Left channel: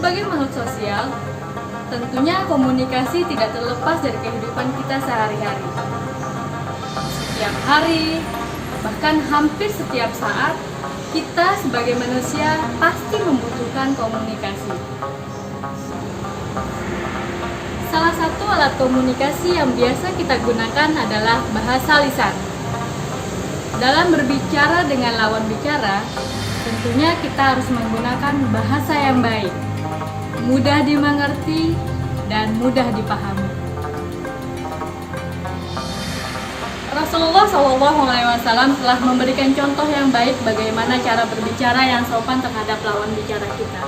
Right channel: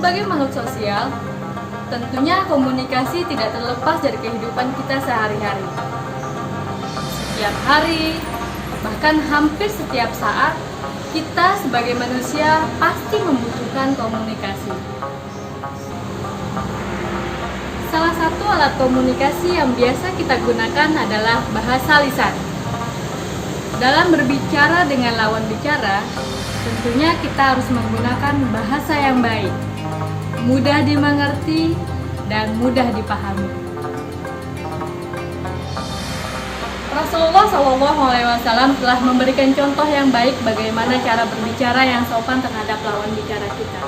Sebagai makhluk sosial, tentunya komunikasi tidak terlepas dari kehidupan kita sehari-hari. Setiap hari, bahkan hampir setiap saat, kita sebagai manusia pasti membutuhkan komunikasi. Salah satu alat komunikasi yang biasa kita gunakan adalah bahasa lisan. Dalam berbicara dengan lawan bicara, tentunya kita harus menggunakan bahasa yang baik, mudah dimengerti, dan mudah dipahami. Rasulullah SAW telah memberikan contoh yang baik bagaimana cara berbicara yang sopan terhadap lawan bicara kita.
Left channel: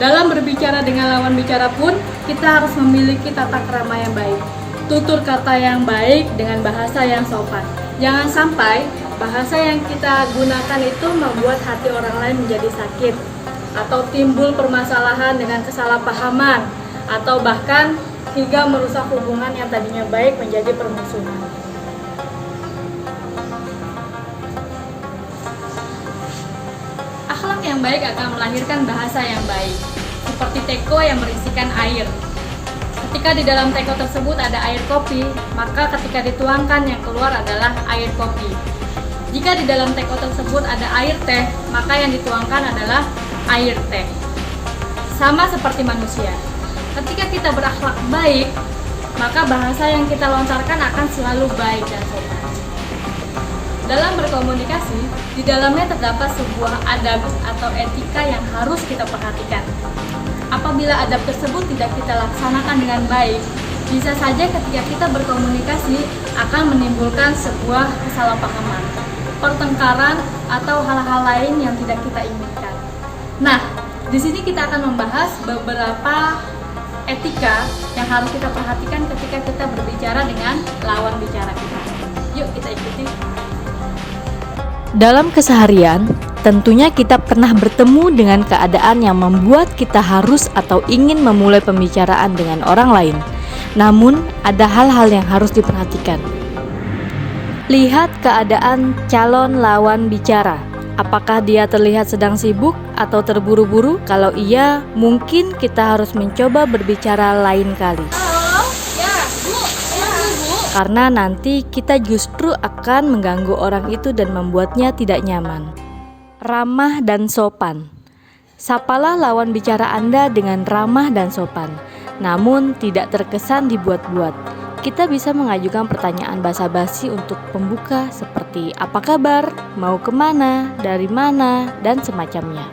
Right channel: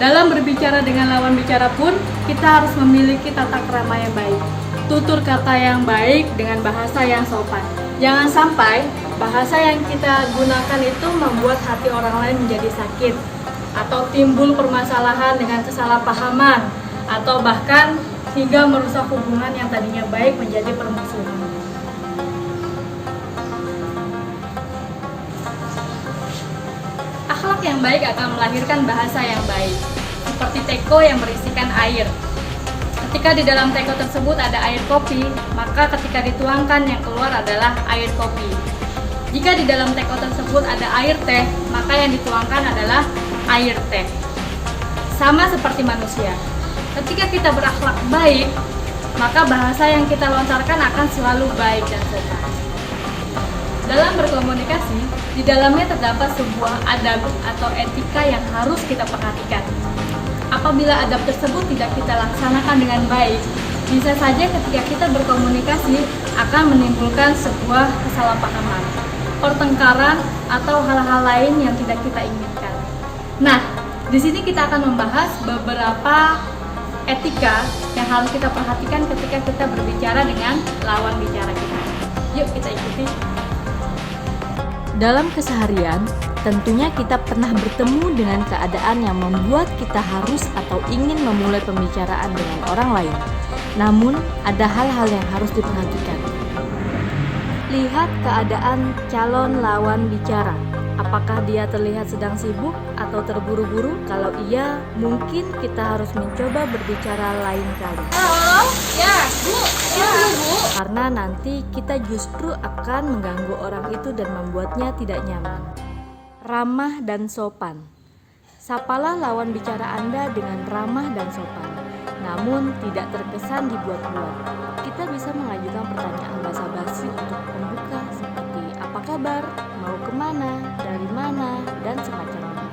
Dalam berbicara dengan lawan bicara pun, kita harus memiliki tata krama yang baik, tutur kata yang baik dengan bahasa yang sopan. Jangan sampai bahasa yang kita gunakan itu membuat hati orang lain menjadi sakit, atau timbul permasalahan dengan kesalahpahaman, atau bahkan hingga merusak hubungan yang tadinya baik menjadi permusuhan. Akhlak yang baik akan melahirkan bahasa yang baik, seperti teko yang berisikan air. Ketika di dalam teko tersebut ada air kopi, maka ketika dituangkan yang keluar adalah air kopi. Jika di dalam teko tersebut ada air teh, maka yang dituangkan adalah air teh. Sama seperti manusia, ketika kita berakhlak baik, maka bahasa yang kita lontarkan akan selalu baik dan sopan. Dalam berkomunikasi, di dalamnya terdapat sebuah adab atau etika yang harus kita perhatikan. Apabila adab tersebut tidak kita laksanakan dengan baik, bisa saja ketika kita berkomunikasi akan menimbulkan sebuah kesalahpahaman, pertengkaran, atau hal-hal lain yang tidak kita inginkan. Nah, di sini kita akan membahas beberapa etika yang harus kita perhatikan ketika kita berbicara dengan lawan bicara kita. Yuk kita ikuti. Dalam keseharian, tentunya kita pernah bertemu dengan keadaan yang membuat kita harus atau ingin memulai pembicaraan dengan orang lain. Namun, ada hal-hal yang harus diperhatikan. Lihat keadaan calon lawan bicara. Apakah dia terlihat sedang sibuk atau terburu-buru? Kalau iya, mungkin kita harus mencoba berbicara lain kali. Halo, ya Bu, Bu. Karena nanti kita justru akan mengganggu orang itu dan membuatnya tidak nyaman. Ramah dan sopan. Sapalah lawan bicara Anda dengan ramah dan sopan, namun tidak terkesan dibuat-buat. Kita bisa mengajukan pertanyaan basa-basi untuk pembuka seperti apa kabar, mau kemana, dari mana, dan semacamnya.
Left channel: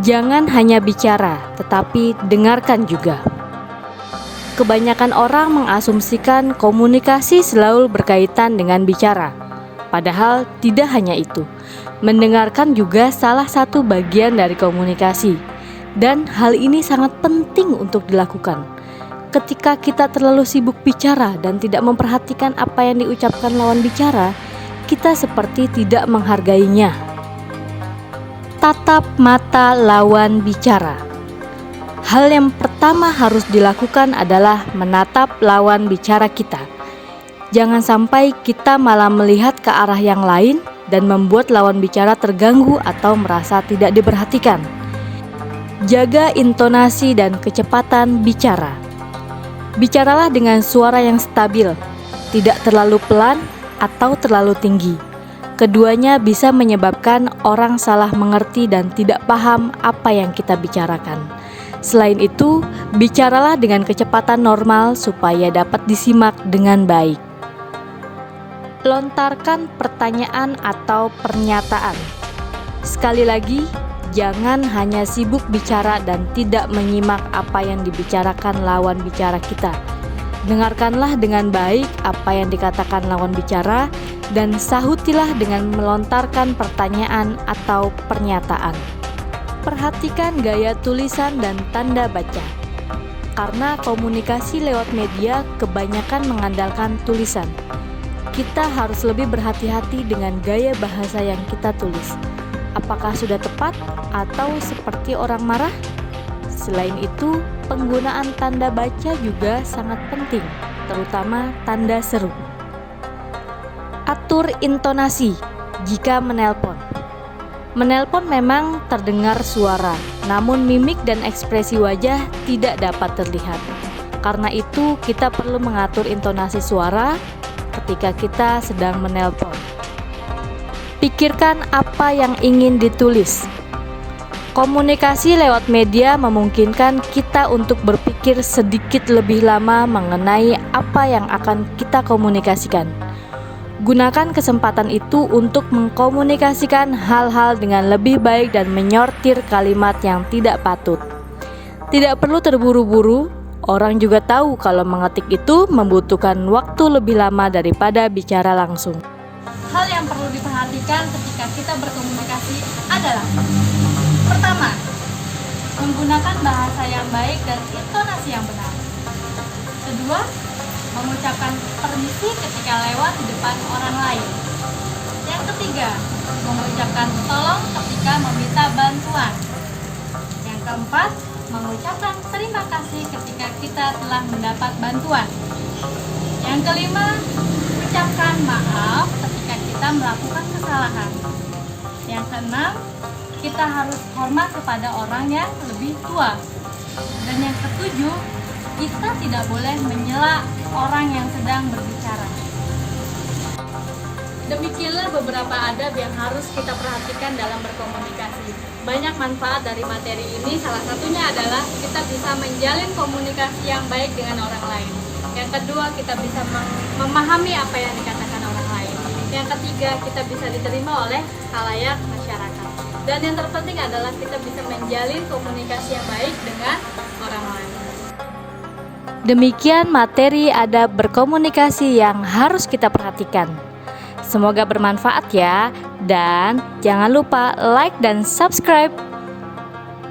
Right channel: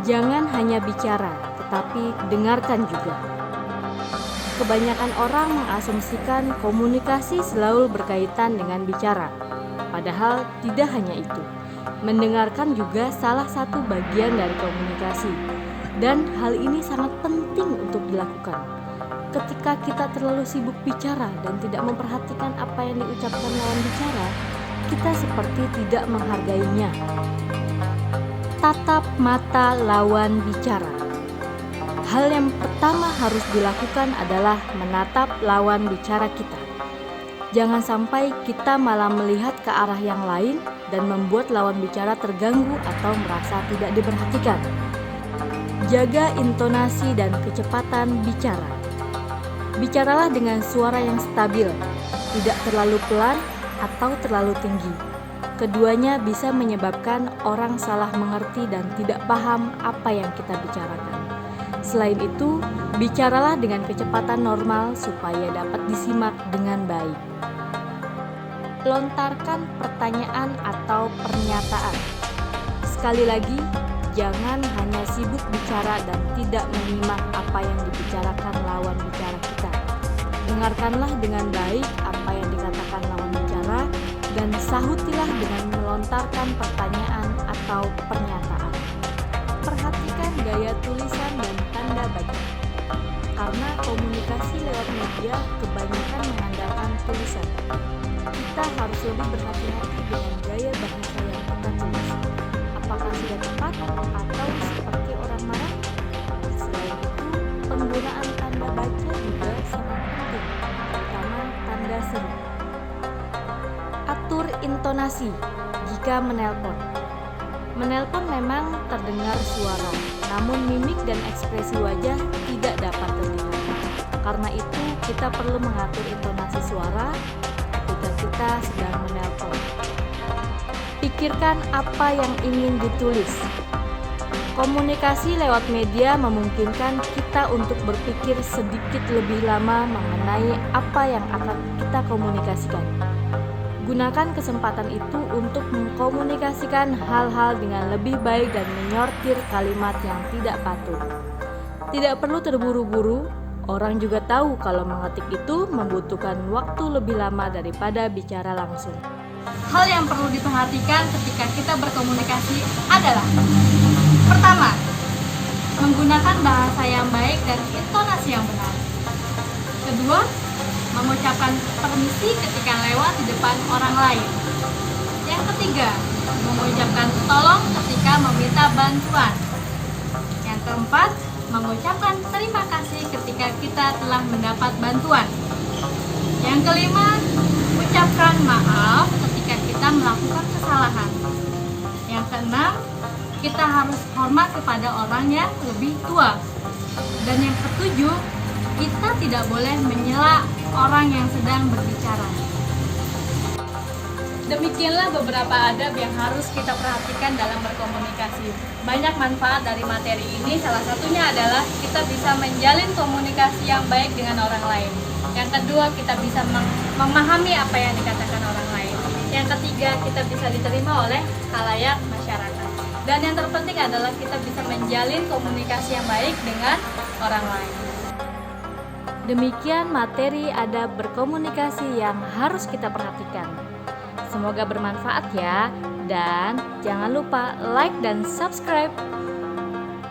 Jangan hanya bicara, tetapi dengarkan juga. Kebanyakan orang mengasumsikan komunikasi selalu berkaitan dengan bicara. Padahal tidak hanya itu. Mendengarkan juga salah satu bagian dari komunikasi. Dan hal ini sangat penting untuk dilakukan. Ketika kita terlalu sibuk bicara dan tidak memperhatikan apa yang diucapkan lawan bicara, kita seperti tidak menghargainya. Tatap mata lawan bicara. Hal yang pertama harus dilakukan adalah menatap lawan bicara kita. Jangan sampai kita malah melihat ke arah yang lain dan membuat lawan bicara terganggu atau merasa tidak diperhatikan. Jaga intonasi dan kecepatan bicara. Bicaralah dengan suara yang stabil, tidak terlalu pelan atau terlalu tinggi. Keduanya bisa menyebabkan orang salah mengerti dan tidak paham apa yang kita bicarakan. Selain itu, bicaralah dengan kecepatan normal supaya dapat disimak dengan baik. Lontarkan pertanyaan atau pernyataan. Sekali lagi, jangan hanya sibuk bicara dan tidak menyimak apa yang dibicarakan lawan bicara kita. Dengarkanlah dengan baik apa yang dikatakan lawan bicara dan sahutilah dengan melontarkan pertanyaan atau pernyataan. Perhatikan gaya tulisan dan tanda baca. Karena komunikasi lewat media kebanyakan mengandalkan tulisan. Kita harus lebih berhati-hati dengan gaya bahasa yang kita tulis. Apakah sudah tepat atau seperti orang marah? Selain itu, penggunaan tanda baca juga sangat penting, terutama tanda seru. Atur intonasi jika menelpon. Menelpon memang terdengar suara, namun mimik dan ekspresi wajah tidak dapat terlihat. Karena itu, kita perlu mengatur intonasi suara ketika kita sedang menelpon. Pikirkan apa yang ingin ditulis. Komunikasi lewat media memungkinkan kita untuk berpikir sedikit lebih lama mengenai apa yang akan kita komunikasikan. Gunakan kesempatan itu untuk mengkomunikasikan hal-hal dengan lebih baik dan menyortir kalimat yang tidak patut. Tidak perlu terburu-buru, orang juga tahu kalau mengetik itu membutuhkan waktu lebih lama daripada bicara langsung. Hal yang perlu diperhatikan ketika kita berkomunikasi adalah: pertama, menggunakan bahasa yang baik dan intonasi yang benar. Kedua, mengucapkan permisi ketika lewat di depan orang lain. Yang ketiga, mengucapkan tolong ketika meminta bantuan. Yang keempat, mengucapkan terima kasih ketika kita telah mendapat bantuan. Yang kelima, ucapkan maaf ketika kita melakukan kesalahan. Yang keenam, kita harus hormat kepada orang yang lebih tua. Dan yang ketujuh, kita tidak boleh menyela orang yang sedang berbicara. Demikianlah beberapa adab yang harus kita perhatikan dalam berkomunikasi. Banyak manfaat dari materi ini, salah satunya adalah kita bisa menjalin komunikasi yang baik dengan orang lain. Yang kedua, kita bisa memahami apa yang dikatakan orang lain. Yang ketiga, kita bisa diterima oleh khalayak masyarakat. Dan yang terpenting adalah kita bisa menjalin komunikasi yang baik dengan orang lain. Demikian materi adab berkomunikasi yang harus kita perhatikan. Semoga bermanfaat ya, dan jangan lupa like dan subscribe.